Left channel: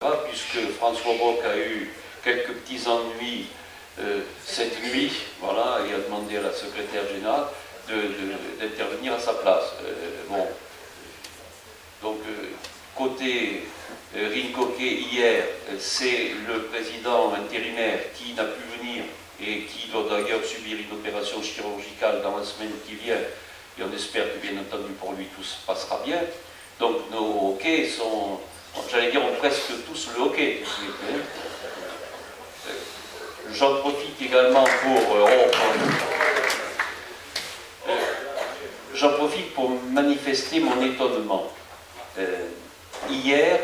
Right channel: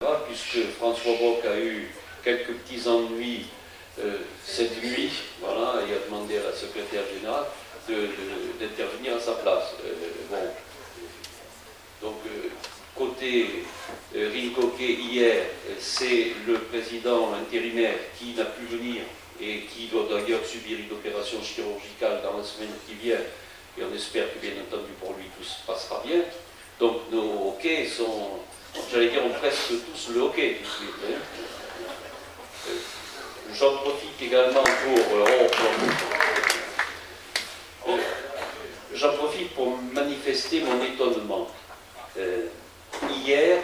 puisque François Bock a eu quelques petits ennuis cette nuit, voilà, et a demandé à la secrétaire générale d'intervenir à sa place. Bon. Donc, côté Rincoquet, hier, c'est le président intérimaire qui n'a pu venir et qui doit d'ailleurs subir une opération chirurgicale dans la semaine qui vient, et on espère que, bien entendu, pour lui, tout se passera bien. Donc, nos hockey sont, j'allais dire, ont presque tous le hockey. J'en profite également j'en profite pour manifester mon étonnement. Hier,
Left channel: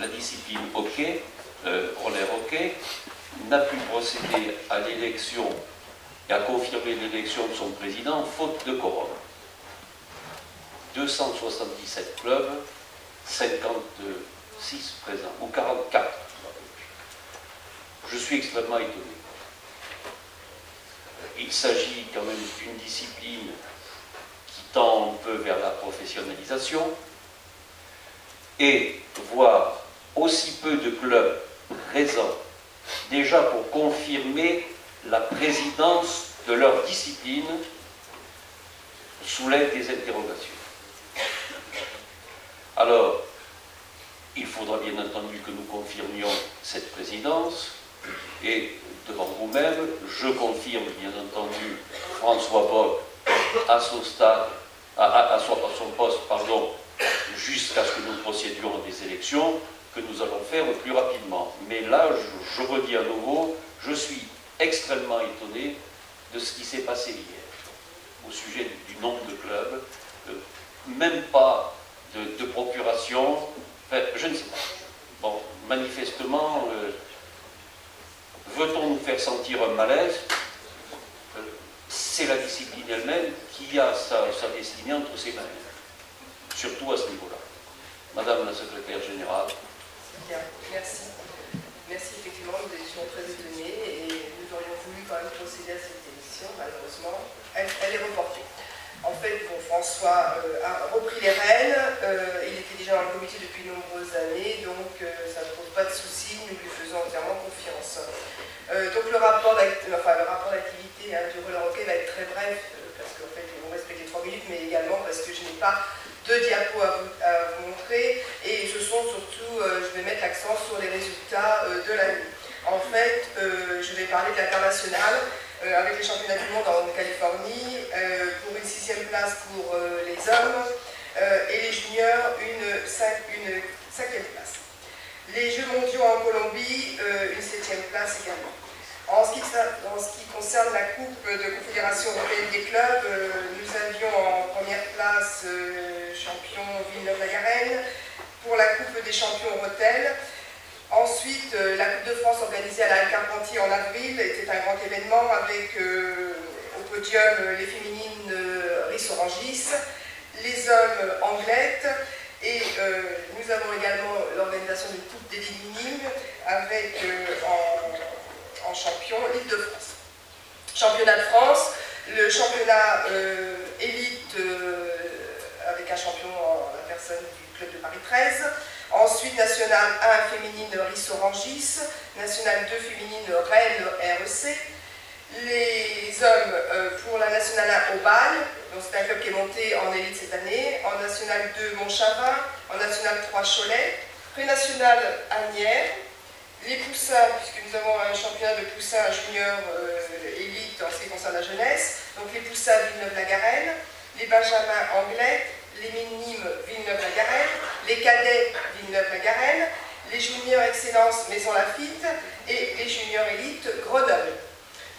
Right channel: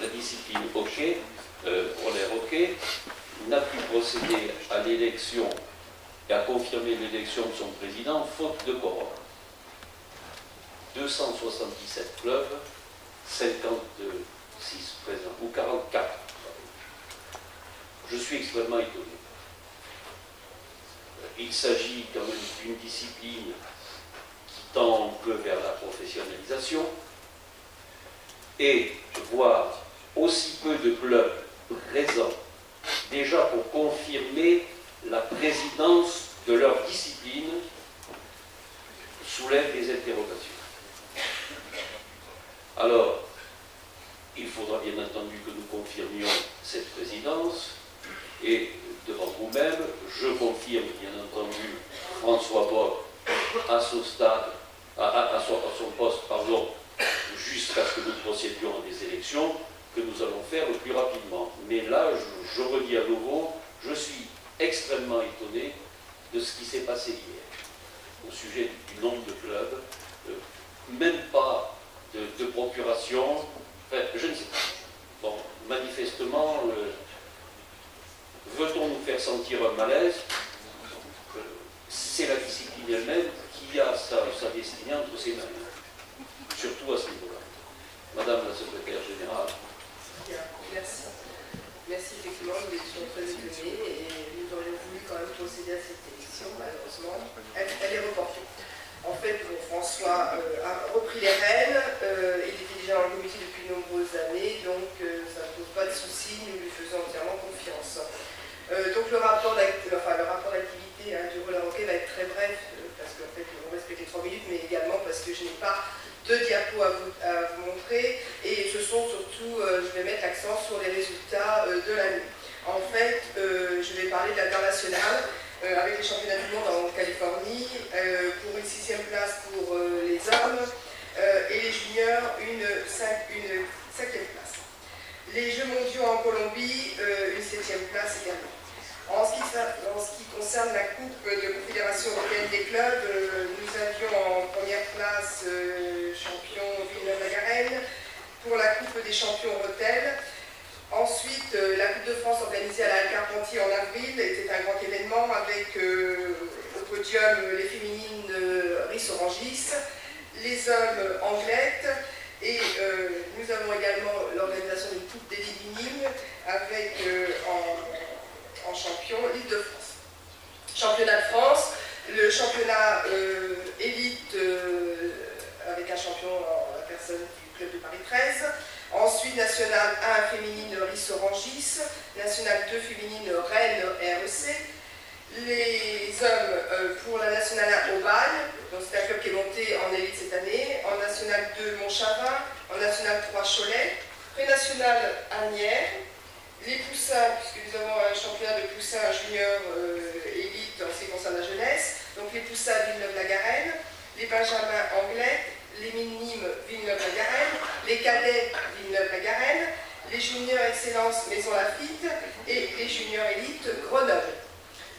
la discipline hockey, roller hockey, n'a pu procéder à l'élection et à confirmer l'élection de son président, faute de quorum. 277 clubs, 56 présents, ou 44. Je suis extrêmement étonné. Il s'agit quand même d'une discipline qui tend un peu vers la professionnalisation, et voir aussi peu de clubs présents, déjà pour confirmer la présidence de leur discipline, soulève des interrogations. Alors, il faudra bien entendu que nous confirmions cette présidence, et devant vous-même, je confirme bien entendu François Bock à son stade, à son poste, pardon, jusqu'à ce que nous procédions à des élections que nous allons faire le plus rapidement. Mais là, je redis à nouveau, je suis extrêmement étonné de ce qui s'est passé hier, au sujet du nombre de clubs, même pas de procuration, enfin, je ne sais pas. Bon, manifestement, veut-on nous faire sentir un malaise? C'est la discipline elle-même qui a sa destinée entre ses mains, surtout à ce niveau-là. Madame la secrétaire générale. Bien, merci. Merci, effectivement, nous étions très étonnés et nous aurions voulu quand même procéder à cette élection. Malheureusement, elle est reportée. En fait, bon, François a repris les rênes, il était déjà dans le comité depuis de nombreuses années, donc ça ne pose pas de souci, nous lui faisons entièrement confiance. Donc le rapport d'activité du roller hockey va être très bref, parce qu'en fait, on respecte les 3 minutes, mais également parce que je n'ai pas de diapos à vous montrer, et ce sont surtout, je vais mettre l'accent sur les résultats de l'année. En fait, je vais parler de l'international, avec les championnats du monde en Californie, pour une 6e place pour les hommes, et les juniors, une 5e place. Les Jeux mondiaux en Colombie, une 7e place également. En ce qui concerne la Coupe de Confédération européenne des clubs, nous avions en première place champion Villeneuve-la-Garenne, pour la Coupe des champions Rethel. Ensuite, la Coupe de France organisée à la Carpentier en avril était un grand événement avec au podium les féminines Rissorangis, les hommes Anglettes, et nous avons également l'organisation d'une Coupe des Ligues avec en champion l'Île-de-France. Championnat de France, le championnat élite avec un champion en la personne du club de Paris 13. Ensuite, National 1 féminine Rissorangis, National 2 féminine Rennes REC. Les hommes pour la National 1 au Bâle, donc c'est un club qui est monté en élite cette année, en National 2 Montchavin, en National 3 Cholet, Pré-National Agnières, les poussins, puisque nous avons un championnat de poussins junior élite en ce qui concerne la jeunesse, donc les poussins Villeneuve-la-Garenne, les benjamins Anglettes, les minimes Villeneuve-la-Garenne, les cadets Villeneuve-la-Garenne, les juniors excellence Maison Lafitte et les juniors élite Grenoble.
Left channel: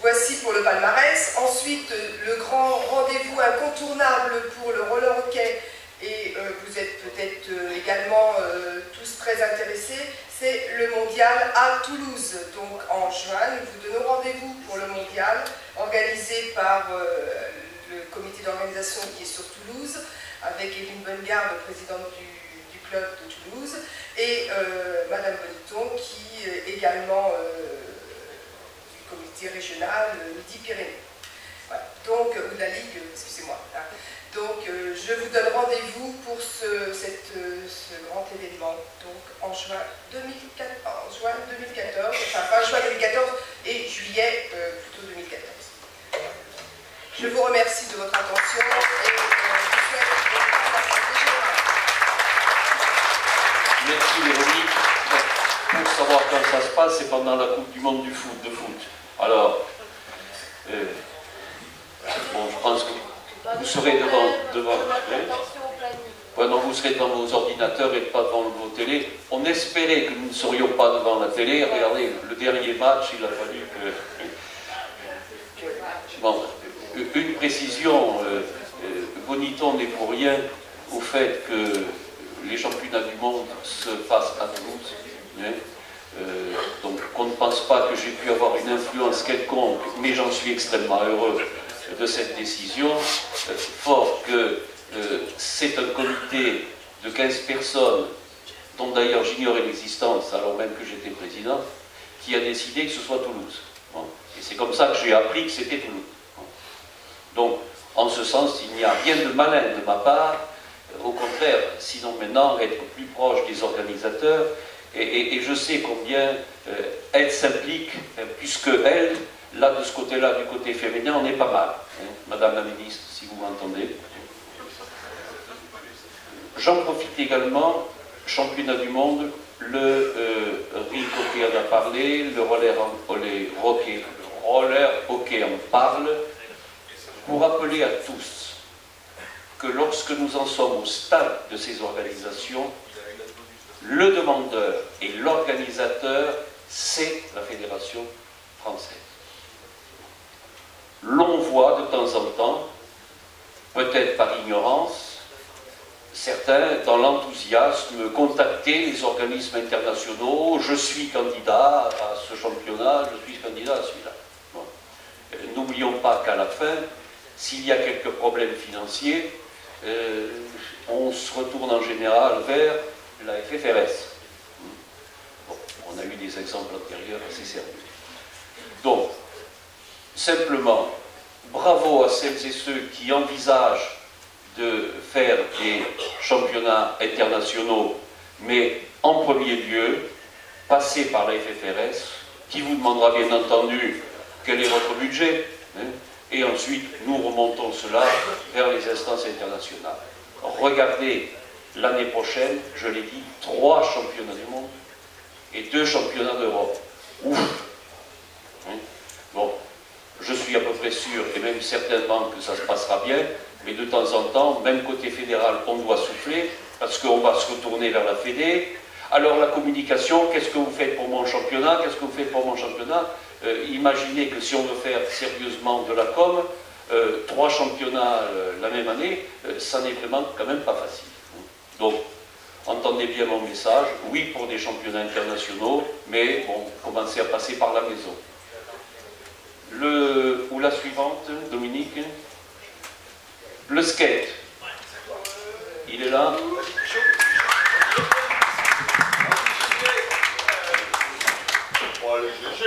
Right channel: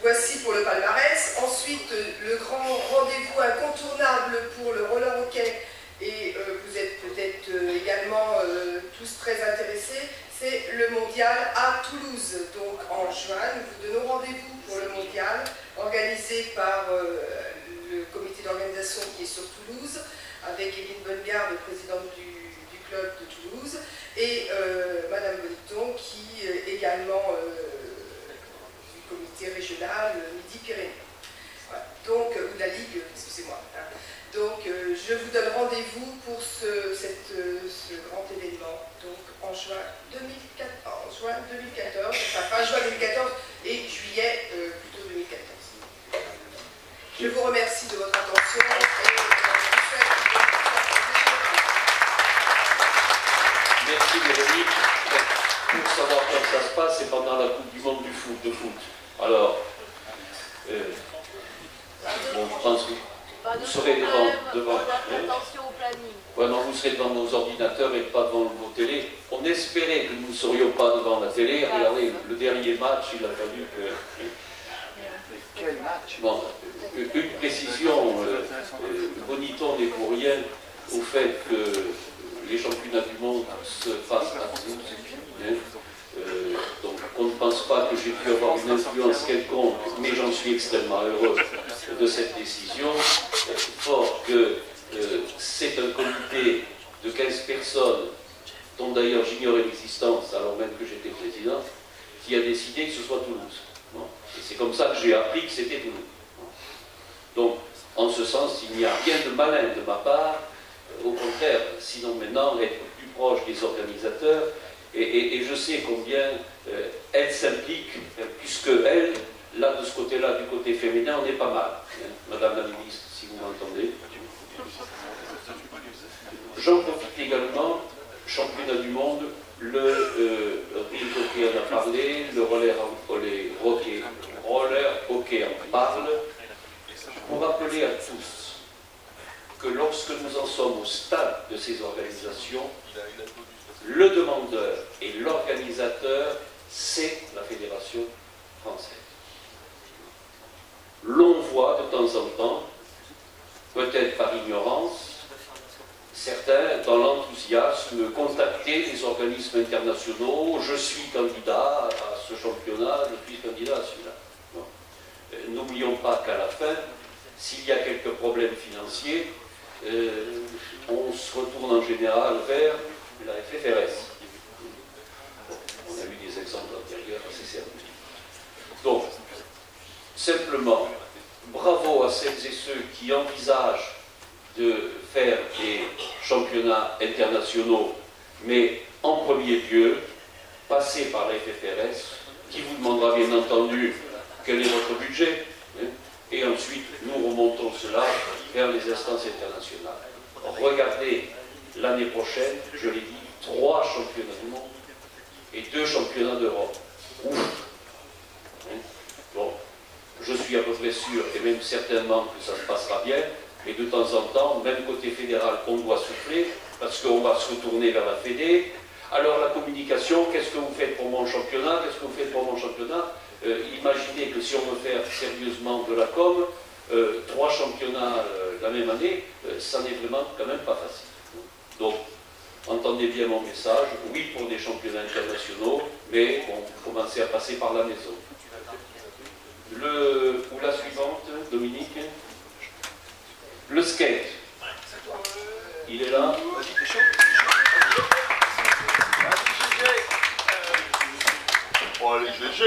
Voici pour le palmarès. Ensuite, le grand rendez-vous incontournable pour le roller hockey, et vous êtes peut-être également tous très intéressés, c'est le mondial à Toulouse. Donc en juin, nous vous donnons rendez-vous pour le mondial organisé par le comité d'organisation qui est sur Toulouse, avec Evelyne Bonnegarde, présidente du club de Toulouse, et Madame Boniton, qui est également du comité régional Midi-Pyrénées. Voilà. Donc, ou de la Ligue, excusez-moi. Hein. Donc, je vous donne rendez-vous pour ce grand événement, donc en juin 2014, enfin fin juin 2014 et juillet plutôt 2014. Je vous remercie de votre attention et je vous souhaite une bonne participation. Merci Véronique. Pour savoir quand ça se passe, c'est pendant la Coupe du Monde de foot. Alors, bon, je pense que vous serez devant ouais, non, vous serez devant vos ordinateurs et pas devant vos télés. On espérait que nous ne serions pas devant la télé. Regardez, le dernier match, il a fallu que... Bon, une précision, Boniton n'est pour rien au fait que les championnats du monde se passent à Toulouse. Hein. Donc on ne pense pas que j'ai pu avoir une influence quelconque, mais j'en suis extrêmement heureux de cette décision, fort que c'est un comité de 15 personnes, dont d'ailleurs j'ignorais l'existence alors même que j'étais président, qui a décidé que ce soit Toulouse. Bon. Et c'est comme ça que j'ai appris que c'était Toulouse. Bon. Donc, en ce sens, il n'y a rien de malin de ma part, au contraire, sinon maintenant être plus proche des organisateurs, et je sais combien elle s'implique, puisque elle, là de ce côté-là, du côté féminin, on est pas mal. Hein, Madame la ministre, si vous m'entendez. J'en profite également, championnat du monde, le ring hockey en a parlé, le roller hockey en parle, pour rappeler à tous que lorsque nous en sommes au stade de ces organisations, le demandeur et l'organisateur, c'est la Fédération française. L'on voit de temps en temps, peut-être par ignorance, certains, dans l'enthousiasme, contacter les organismes internationaux. Je suis candidat à ce championnat, je suis candidat à celui-là. Bon. N'oublions pas qu'à la fin, s'il y a quelques problèmes financiers, on se retourne en général vers la FFRS. Bon, on a eu des exemples antérieurs assez sérieux. Donc, simplement, bravo à celles et ceux qui envisagent de faire des championnats internationaux, mais en premier lieu, passer par la FFRS, qui vous demandera bien entendu quel est votre budget, hein, et ensuite nous remontons cela vers les instances internationales. Regardez, l'année prochaine, je l'ai dit, 3 championnats du monde et 2 championnats d'Europe. Ouf, hein. Bon, je suis à peu près sûr, et même certainement que ça se passera bien, mais de temps en temps, même côté fédéral, on doit souffler, parce qu'on va se retourner vers la Fédé. Alors la communication, qu'est-ce que vous faites pour mon championnat? Qu'est-ce que vous faites pour mon championnat? Imaginez que si on veut faire sérieusement de la com, 3 championnats la même année, ça n'est vraiment quand même pas facile. Donc, entendez bien mon message, oui pour des championnats internationaux, mais bon, commencez à passer par la maison. Ou la suivante, Dominique. Le skate. Il est là. Bon, allez, GG.